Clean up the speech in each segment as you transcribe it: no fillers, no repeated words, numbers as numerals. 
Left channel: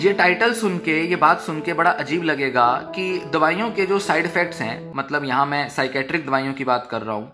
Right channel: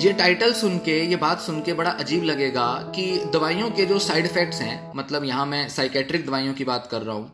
ये टाइटल सुन के, ये बात सुन के बड़ा अजीब लगेगा कि दवाइयों के जो साइड इफेक्ट्स हैं, मतलब यहाँ मैं साइकेट्रिक दवाइयों की बात कर रहा हूँ,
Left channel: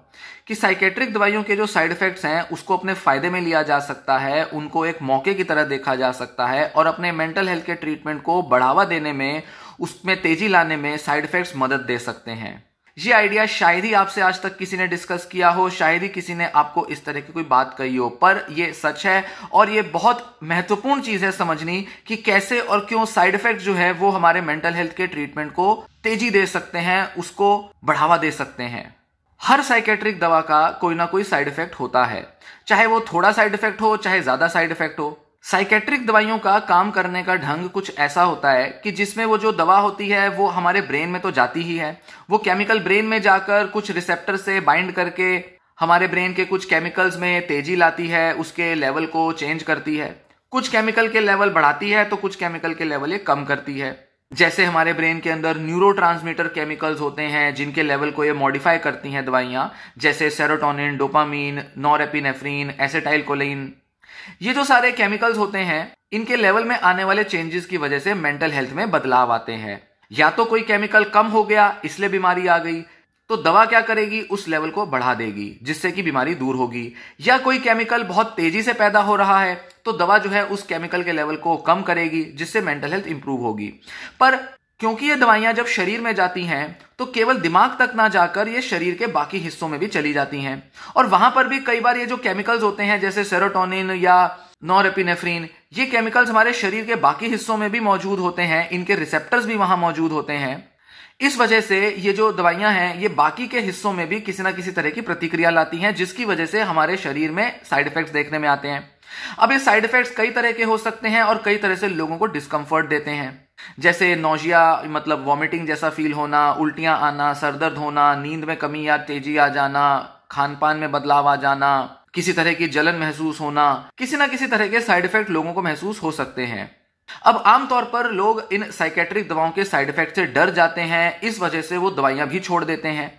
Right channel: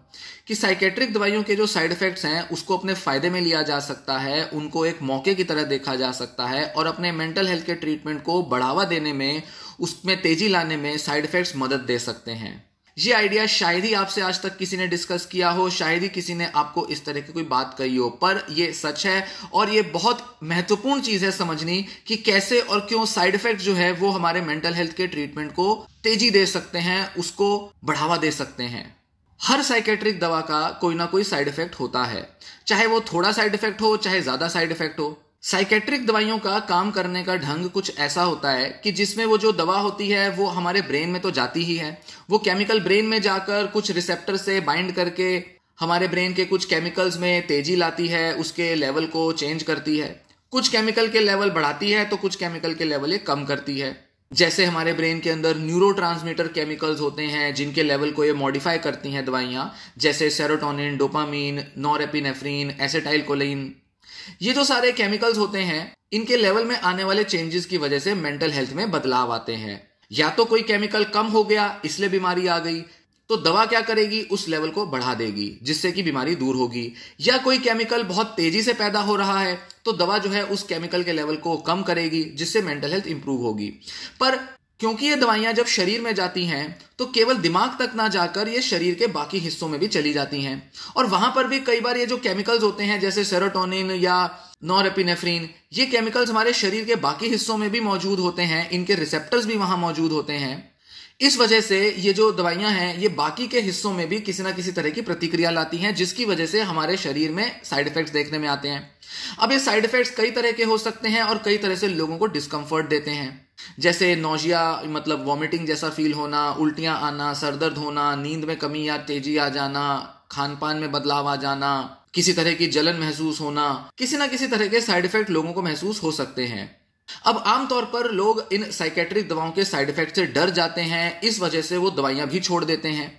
कि साइकेट्रिक दवाइयों के जो साइड इफेक्ट्स हैं उसको अपने फायदे में लिया जा सकता है, उनको एक मौके की तरह देखा जा सकता है और अपने मेंटल हेल्थ के ट्रीटमेंट को बढ़ावा देने में, उसमें तेजी लाने में साइड इफेक्ट्स मदद दे सकते हैं। ये आइडिया शायद ही आपसे आज तक किसी ने डिस्कस किया हो, शायद ही किसी ने आपको इस तरह की कोई बात कही हो, पर ये सच है और ये बहुत महत्वपूर्ण चीज है समझनी कि कैसे और क्यों साइड इफेक्ट जो है वो हमारे मेंटल हेल्थ के ट्रीटमेंट को तेजी दे सकते हैं, उसको बढ़ावा दे सकते हैं। हर साइकेट्रिक दवा का कोई ना कोई साइड इफेक्ट होता है, चाहे वो थोड़ा साइड इफेक्ट हो चाहे ज्यादा साइड इफेक्ट हो। साइकेट्रिक दवाइयों का काम करने का ढंग कुछ ऐसा होता है कि जिसमें वो जो दवा होती है वो हमारे ब्रेन में तो जाती ही है, वो केमिकल ब्रेन में जाकर कुछ रिसेप्टर से बाइंड करके हमारे ब्रेन के कुछ केमिकल्स में तेजी लाती है, उसके लेवल को चेंज करती है। कुछ केमिकल के लेवल बढ़ाती है तो कुछ केमिकल के लेवल ये कम करती है। जैसे हमारे ब्रेन के अंदर न्यूरोट्रांसमीटर केमिकल्स होते हैं जिनके लेवल को ये मॉडिफाई करती हैं दवाइयां, जैसे सेरोटोनिन, डोपामीन, नॉरएपिनेफ्रिन, एसिटाइलकोलिन। ये जो सारे केमिकल्स होते हैं इनके लेवल में आने वाले चेंजेस की वजह से मेंटल हेल्थ में बदलाव आते हैं। या तो कोई केमिकल कम हो गया इसलिए बीमारी आ गई, तो दवा क्या करेगी, उस लेवल को बढ़ा देगी जिससे कि बीमारी दूर होगी। या कोई केमिकल बहुत तेजी से पैदा हो रहा है तो दवा जो है उस केमिकल के लेवल को कम करेगी जिससे मेंटल हेल्थ इंप्रूव होगी। पर क्योंकि ये दवाइयां जब शरीर में जाती हैं तो केवल दिमाग तक ना जाकर ये शरीर के बाकी हिस्सों में भी चली जाती हैं और वहां पर भी कई बार ये जो केमिकल्स होते हैं जैसे सेरोटोनिन या नॉरएपिनेफ्रिन, ये केमिकल्स हमारे शरीर के बाकी हिस्सों में भी मौजूद होते हैं, इनके रिसेप्टर्स भी वहां मौजूद होते हैं। इस वजह से ये जो दवाइयां हैं ये बाकी के हिस्सों में भी किसी ना किसी तरह की प्रतिक्रिया लाती हैं जिसकी वजह से हमारे शरीर में साइड इफेक्ट्स देखने में आते हैं। अब ये साइड इफेक्ट्स कई तरह के हो सकते हैं और कई तरह से लोगों को डिस्कंफर्ट देते हैं, जैसे नोजिया मतलब वॉमिटिंग जैसा फील होना, उल्टियां आना, सरदर्द होना, नींद में कमी या तेजी आ जाना, खान पान में बदलाव आ जाना, किसी तरह की जलन महसूस होना, किसी ना किसी तरह के साइड इफेक्ट लोगों को महसूस हो सकते हैं। अब आमतौर पर लोग इन साइकेट्रिक दवाओं के साइड इफेक्ट से डर जाते हैं, इस वजह से वो दवाइयां भी छोड़ देते हैं।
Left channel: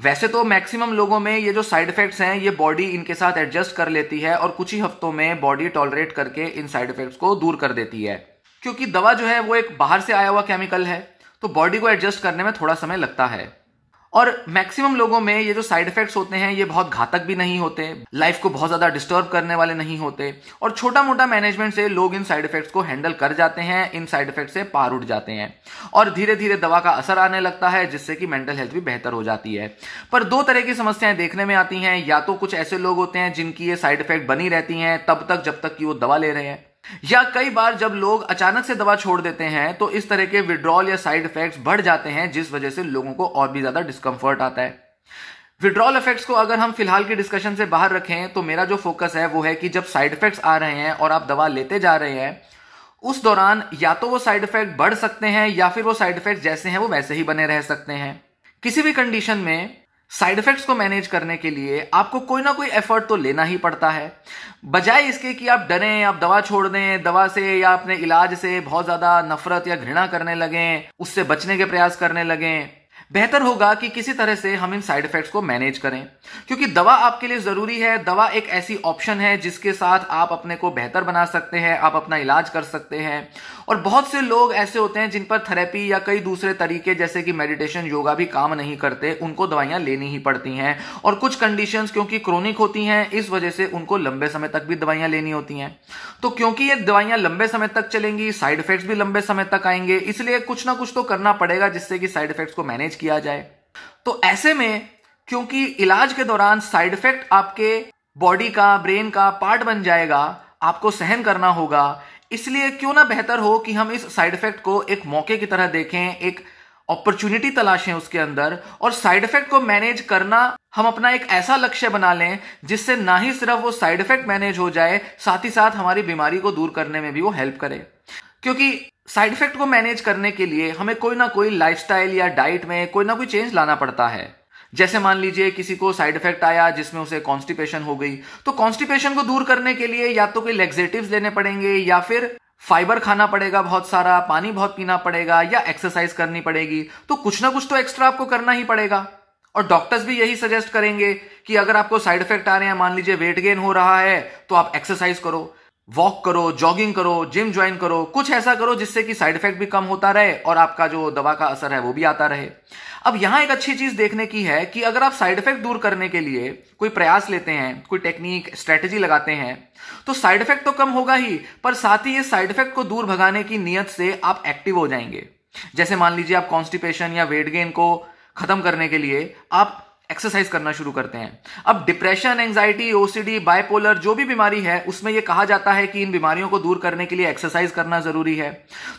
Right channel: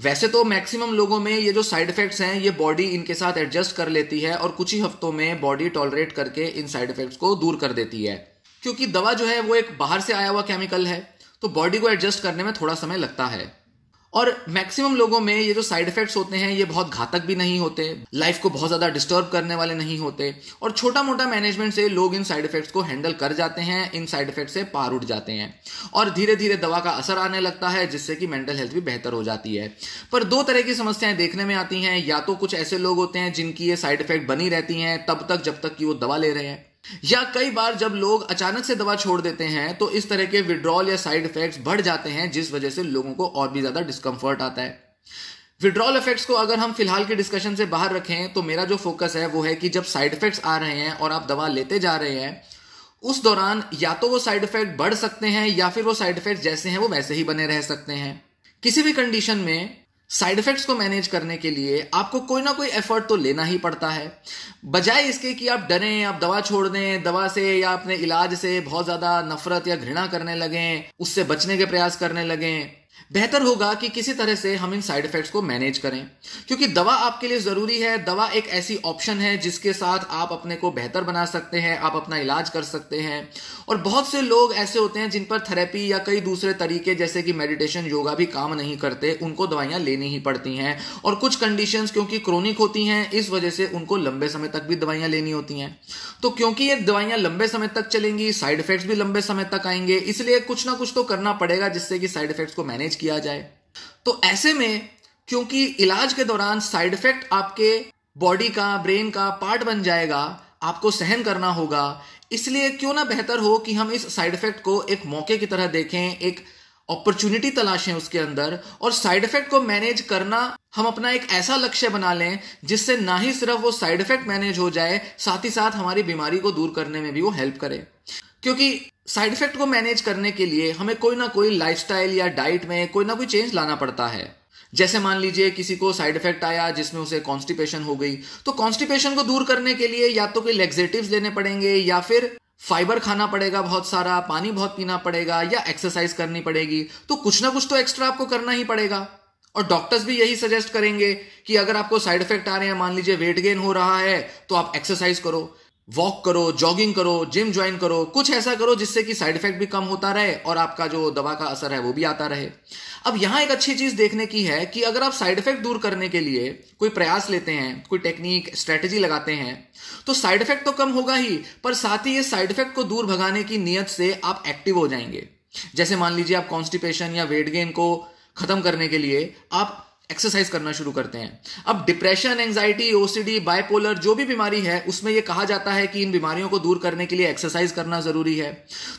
वैसे तो मैक्सिमम लोगों में ये जो साइड इफेक्ट्स हैं ये बॉडी इनके साथ एडजस्ट कर लेती है और कुछ ही हफ्तों में बॉडी टॉलरेट करके इन साइड इफेक्ट्स को दूर कर देती है, क्योंकि दवा जो है वो एक बाहर से आया हुआ केमिकल है तो बॉडी को एडजस्ट करने में थोड़ा समय लगता है। और मैक्सिमम लोगों में ये जो साइड इफेक्ट्स होते हैं ये बहुत घातक भी नहीं होते, लाइफ को बहुत ज्यादा डिस्टर्ब करने वाले नहीं होते और छोटा मोटा मैनेजमेंट से लोग इन साइड इफेक्ट्स को हैंडल कर जाते हैं, इन साइड इफेक्ट से पार उठ जाते हैं और धीरे धीरे दवा का असर आने लगता है जिससे कि मेंटल हेल्थ भी बेहतर हो जाती है। पर दो तरह की समस्याएं देखने में आती हैं, या तो कुछ ऐसे लोग होते हैं जिनकी ये साइड इफेक्ट बनी रहती हैं तब तक जब तक कि वो दवा ले रहे हैं, या कई बार जब लोग अचानक से दवा छोड़ देते हैं तो इस तरह के विड्रॉल या साइड इफेक्ट्स बढ़ जाते हैं जिस वजह से लोगों को और भी ज्यादा डिस्कंफर्ट आता है। विड्रॉल इफेक्ट्स को अगर हम फिलहाल की डिस्कशन से बाहर रखें तो मेरा जो फोकस है वो है कि जब साइड इफेक्ट्स आ रहे हैं और आप दवा लेते जा रहे हैं उस दौरान या तो वो साइड इफेक्ट बढ़ सकते हैं या फिर वो साइड इफेक्ट जैसे हैं वो वैसे ही बने रह सकते हैं। किसी भी कंडीशन में साइड इफेक्ट्स को मैनेज करने के लिए आपको कोई ना कोई एफर्ट तो लेना ही पड़ता है। बजाय इसके कि आप डरें, आप दवा छोड़ दें, दवा से या अपने इलाज से बहुत ज्यादा नफरत या घृणा करने लगें, उससे बचने के प्रयास करने लगें, बेहतर होगा कि किसी तरह से हम इन साइड इफेक्ट्स को मैनेज करें, क्योंकि दवा आपके लिए जरूरी है। दवा एक ऐसी ऑप्शन है जिसके साथ आप अपने को बेहतर बना सकते हैं, आप अपना इलाज कर सकते हैं। और बहुत से लोग ऐसे होते हैं जिन पर थेरेपी या कई दूसरे तरीके जैसे कि मेडिटेशन, योगा भी काम नहीं करते, उनको दवाइयां लेनी ही पड़ती हैं। और कुछ कंडीशंस क्योंकि क्रोनिक होती हैं इस वजह से उनको लंबे समय तक भी दवाइयां लेनी होती हैं। तो क्योंकि ये दवाइयां लंबे समय तक चलेंगी, साइड इफेक्ट्स भी लंबे समय तक आएंगे, इसलिए कुछ ना कुछ तो करना पड़ेगा जिससे कि साइड इफेक्ट्स को मैनेज किया जाए। तो ऐसे में क्योंकि इलाज के दौरान साइड इफेक्ट आपके बॉडी का, ब्रेन का पार्ट बन जाएगा, आपको सहन करना होगा, इसलिए क्यों ना बेहतर हो कि हम इस साइड इफेक्ट को एक मौके की तरह देखें, एक अपॉर्चुनिटी तलाशें उसके अंदर और साइड इफेक्ट को मैनेज करना हम अपना एक ऐसा लक्ष्य बना लें जिससे ना ही सिर्फ वो साइड इफेक्ट मैनेज हो जाए, साथ ही साथ हमारी बीमारी को दूर करने में भी वो हेल्प करे। क्योंकि साइड इफेक्ट को मैनेज करने के लिए हमें कोई ना कोई लाइफस्टाइल या डाइट में कोई ना कोई चेंज लाना पड़ता है। जैसे मान लीजिए किसी को साइड इफेक्ट आया जिसमें उसे कॉन्स्टिपेशन हो गई, तो कॉन्स्टिपेशन को दूर करने के लिए या तो कोई लेक्सेटिव्स लेने पड़ेंगे या फिर फाइबर खाना पड़ेगा बहुत सारा, पानी बहुत पीना पड़ेगा या एक्सरसाइज करनी पड़ेगी। तो कुछ ना कुछ तो एक्स्ट्रा आपको करना ही पड़ेगा। और डॉक्टर्स भी यही सजेस्ट करेंगे कि अगर आपको साइड इफेक्ट आ रहे हैं, मान लीजिए वेट गेन हो रहा है, तो आप एक्सरसाइज करो। वॉक करो, जॉगिंग करो, जिम ज्वाइन करो, कुछ ऐसा करो जिससे कि साइड इफेक्ट भी कम होता रहे और आपका जो दवा का असर है वो भी आता रहे। अब यहां एक अच्छी चीज देखने की है कि अगर आप साइड इफेक्ट दूर करने के लिए कोई प्रयास लेते हैं, कोई टेक्निक, स्ट्रेटेजी लगाते हैं, तो साइड इफेक्ट तो कम होगा ही, पर साथ ही ये साइड इफेक्ट को दूर भगाने की नीयत से आप एक्टिव हो जाएंगे। जैसे मान लीजिए आप कॉन्स्टिपेशन या वेट गेन को खत्म करने के लिए आप एक्सरसाइज करना शुरू करते हैं। अब डिप्रेशन, एंजाइटी, ओसीडी, बाइपोलर जो भी बीमारी है उसमें यह कहा जाता है कि इन बीमारियों को दूर करने के लिए एक्सरसाइज करना जरूरी है।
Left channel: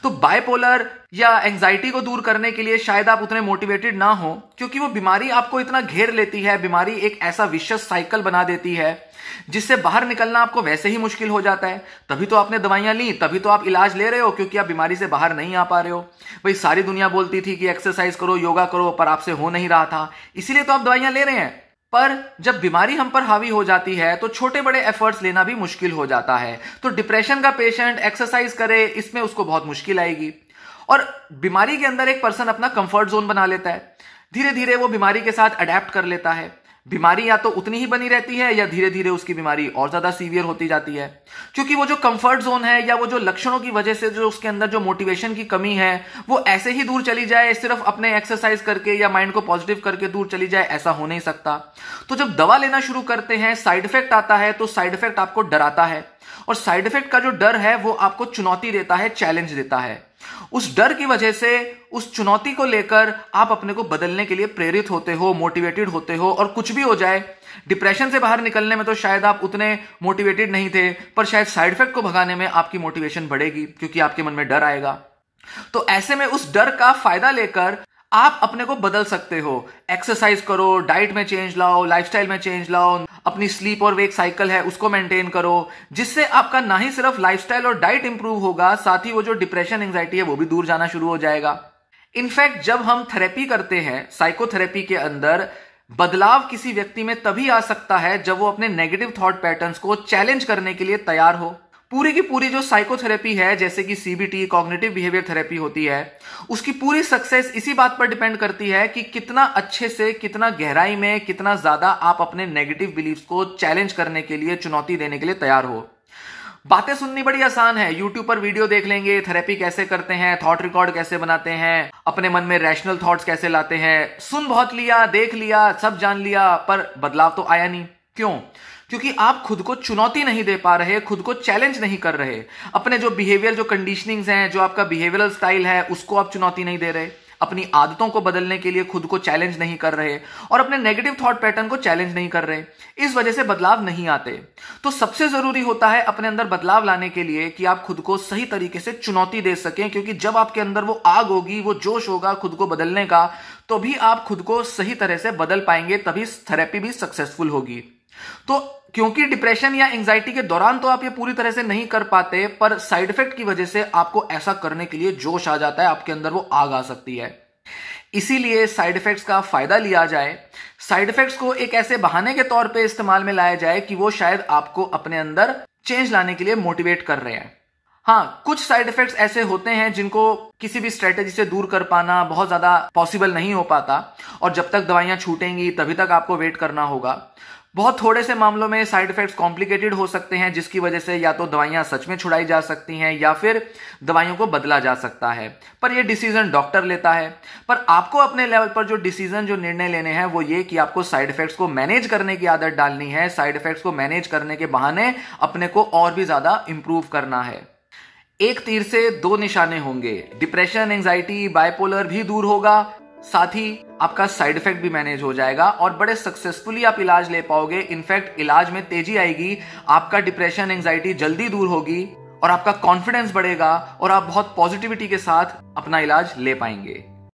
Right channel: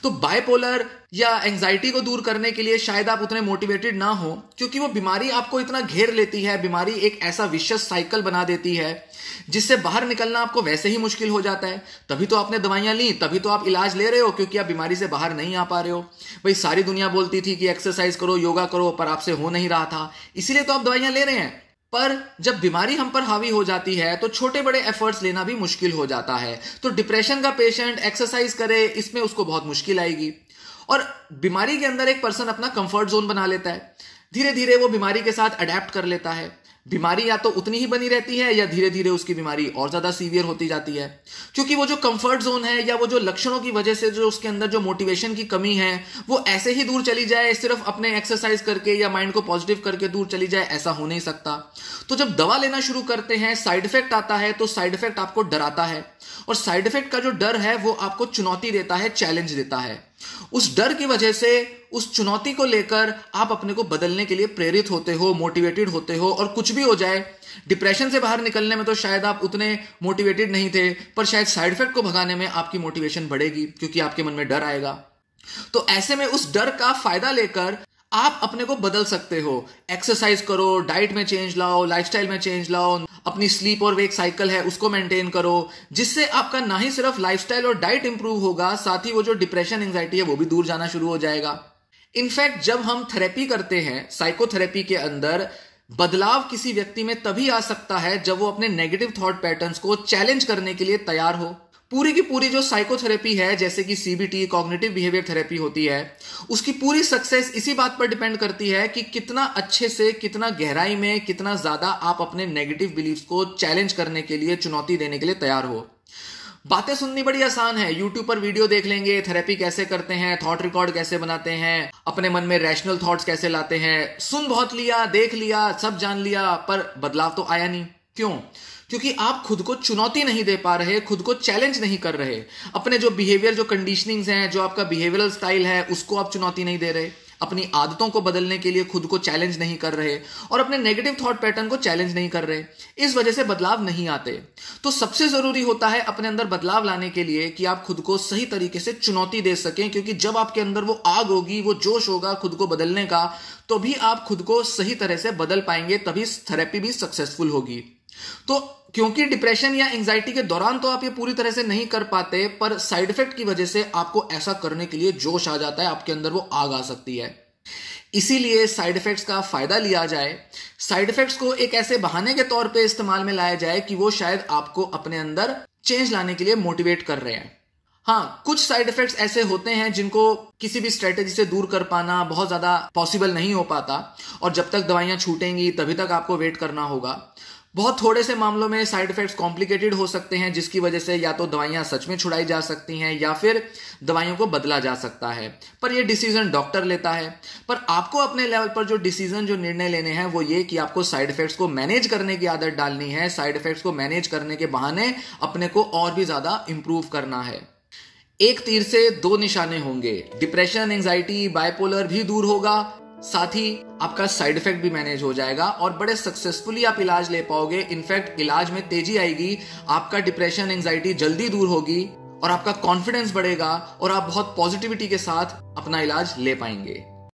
तो बाइपोलर या एंजाइटी को दूर करने के लिए शायद आप उतने मोटिवेटेड ना हो, क्योंकि वो बीमारी आपको इतना घेर लेती है, बीमारी एक ऐसा विशेष साइकिल बना देती है जिससे बाहर निकलना आपको वैसे ही मुश्किल हो जाता है। तभी तो आपने दवाइयां ली, तभी तो आप इलाज ले रहे हो, क्योंकि आप बीमारी से बाहर नहीं आ पा रहे हो। भाई सारी दुनिया बोलती थी कि एक्सरसाइज करो, योगा करो, पर आपसे हो नहीं रहा था, इसीलिए तो आप दवाइयां ले रहे हैं। पर जब बीमारी हम पर हावी हो जाती है तो छोटे बड़े एफर्ट्स लेना भी मुश्किल हो जाता है। तो डिप्रेशन का पेशेंट एक्सरसाइज करे, इसमें उसको बहुत मुश्किल आएगी। और बीमारी के अंदर एक पर्सन अपना कंफर्ट जोन बना लेता है, धीरे धीरे वो बीमारी के साथ अडेप्ट कर लेता है। बीमारी या तो उतनी ही बनी रहती है या धीरे धीरे उसकी बीमारी और ज्यादा सीवियर होती जाती है, क्योंकि वो जो कंफर्ट जोन है या वो जो लक्षणों की वजह से जो उसके अंदर जो मोटिवेशन की कमी है वो ऐसे ही दूर चली जाए, सिर्फ अपने एक्सरसाइज करके या माइंड को पॉजिटिव करके दूर चली जाए, ऐसा हो नहीं सकता। तो जब दवा लेना शुरू करते हैं, साइड इफेक्ट आता है, तो साइड इफेक्ट आपको डराता है, और साइड इफेक्ट का जो डर है वो आपको चुनौती देता है, चैलेंज देता है। उस डर की वजह से, उस चुनौती को लेकर आप अपने को बदलने के लिए प्रेरित होते हो, मोटिवेटेड होते हो। और कुछ भी हो जाए, डिप्रेशन से बाहर निकलने में तो शायद आप उतने मोटिवेटेड नहीं थे, पर शायद साइड इफेक्ट को भगाने में आपकी मोटिवेशन बढ़ेगी, क्योंकि आपके मन में डर आएगा। तो ऐसे में उस डर का फायदा लेकर आप अपने को बदल सकते हो। एक्सरसाइज करो, डाइट में चेंज लाओ, लाइफस्टाइल में चेंज लाओ, अपनी स्लीप और वेक साइकिल है उसको मेंटेन करो, जिससे आपका ना ही सिर्फ लाइफस्टाइल और डाइट इंप्रूव होगा, साथ ही वो जो डिप्रेशन, एंजाइटी है वो भी दूर जाना शुरू हो जाएगा। इनफैक्ट जब हम थेरेपी करते हैं, साइकोथेरेपी के अंदर बदलाव किसी व्यक्ति में तभी आ सकता है जब वो अपने नेगेटिव थॉट पैटर्न्स को चैलेंज करने के लिए तैयार हो। पूरी की पूरी जो साइकोथेरेपी है, जैसे कि सीबीटी, कॉग्निटिव बिहेवियर थेरेपी होती है, उसकी पूरी सक्सेस इसी बात पर डिपेंड करती है कि कितना अच्छे से, कितना गहराई में, कितना ज्यादा आप अपने नेगेटिव बिलीफ्स को चैलेंज करने के लिए, चुनौती देने के लिए तैयार हो। बातें सुननी बड़ी आसान है, यूट्यूब पर वीडियो देख लेंगे, थेरेपी कैसे करते हैं, थॉट रिकॉर्ड कैसे बनाते हैं, अपने मन में रैशनल थॉट्स कैसे लाते हैं, सुन बहुत लिया, देख लिया, सब जान लिया, पर बदलाव तो आया नहीं। क्यों? क्योंकि आप खुद को चुनौती नहीं दे पा रहे, खुद को चैलेंज नहीं कर रहे, अपने जो बिहेवियर, जो कंडीशनिंग्स हैं, जो आपका बिहेवियरल स्टाइल है, उसको आप चुनौती नहीं दे रहे, अपनी आदतों को बदलने के लिए खुद को चैलेंज नहीं कर रहे, और अपने नेगेटिव थॉट पैटर्न को चैलेंज नहीं कर रहे। इस वजह से बदलाव नहीं आते। तो सबसे जरूरी होता है अपने अंदर बदलाव लाने के लिए कि आप खुद को सही तरीके से चुनौती दे सकें, क्योंकि जब आपके अंदर वो आग होगी, वो जोश होगा खुद को बदलने का, तो भी आप खुद को सही तरह से बदल पाएंगे, तभी थेरेपी भी सक्सेसफुल होगी। तो क्योंकि डिप्रेशन या एंजाइटी के दौरान तो आप ये पूरी तरह से नहीं कर पाते, पर साइड इफेक्ट की वजह से आपको ऐसा करने के लिए जोश आ जाता है, आपके अंदर वो आग आ सकती है। इसीलिए साइड इफेक्ट्स का फायदा लिया जाए, साइड इफेक्ट्स को एक ऐसे बहाने के तौर पे इस्तेमाल में लाया जाए कि वो शायद आपको अपने अंदर चेंज लाने के लिए मोटिवेट कर रहे हैं। हाँ, कुछ साइड इफेक्ट्स ऐसे होते हैं जिनको किसी भी स्ट्रेटेजी से दूर कर पाना बहुत ज्यादा पॉसिबल नहीं हो पाता, और जब तक दवाइयां छूटेंगी तभी तक आपको वेट करना होगा। बहुत थोड़े से मामलों में साइड इफेक्ट्स कॉम्प्लिकेटेड हो सकते हैं, जिसकी वजह से या तो दवाइयां सच में छुड़ाई जा सकती हैं या फिर दवाइयों को बदला जा सकता है, पर यह डिसीजन डॉक्टर लेता है। पर आपको अपने लेवल पर जो डिसीजन, जो निर्णय लेने हैं वो ये कि आपको साइड इफेक्ट्स को मैनेज करने की आदत डालनी है, साइड इफेक्ट्स को मैनेज करने के बहाने अपने को और भी ज्यादा इंप्रूव करना है। एक तीर से दो निशाने होंगे, डिप्रेशन, एंजाइटी, बाइपोलर भी दूर होगा, साथ ही आपका साइड इफेक्ट भी मैनेज हो जाएगा और बड़े सक्सेसफुली आप इलाज ले पाओगे। इनफैक्ट इलाज में तेजी आएगी, आपका डिप्रेशन, एंजाइटी जल्दी दूर होगी और आपका कॉन्फिडेंस बढ़ेगा और आप बहुत पॉजिटिविटी के साथ अपना इलाज ले पाएंगे।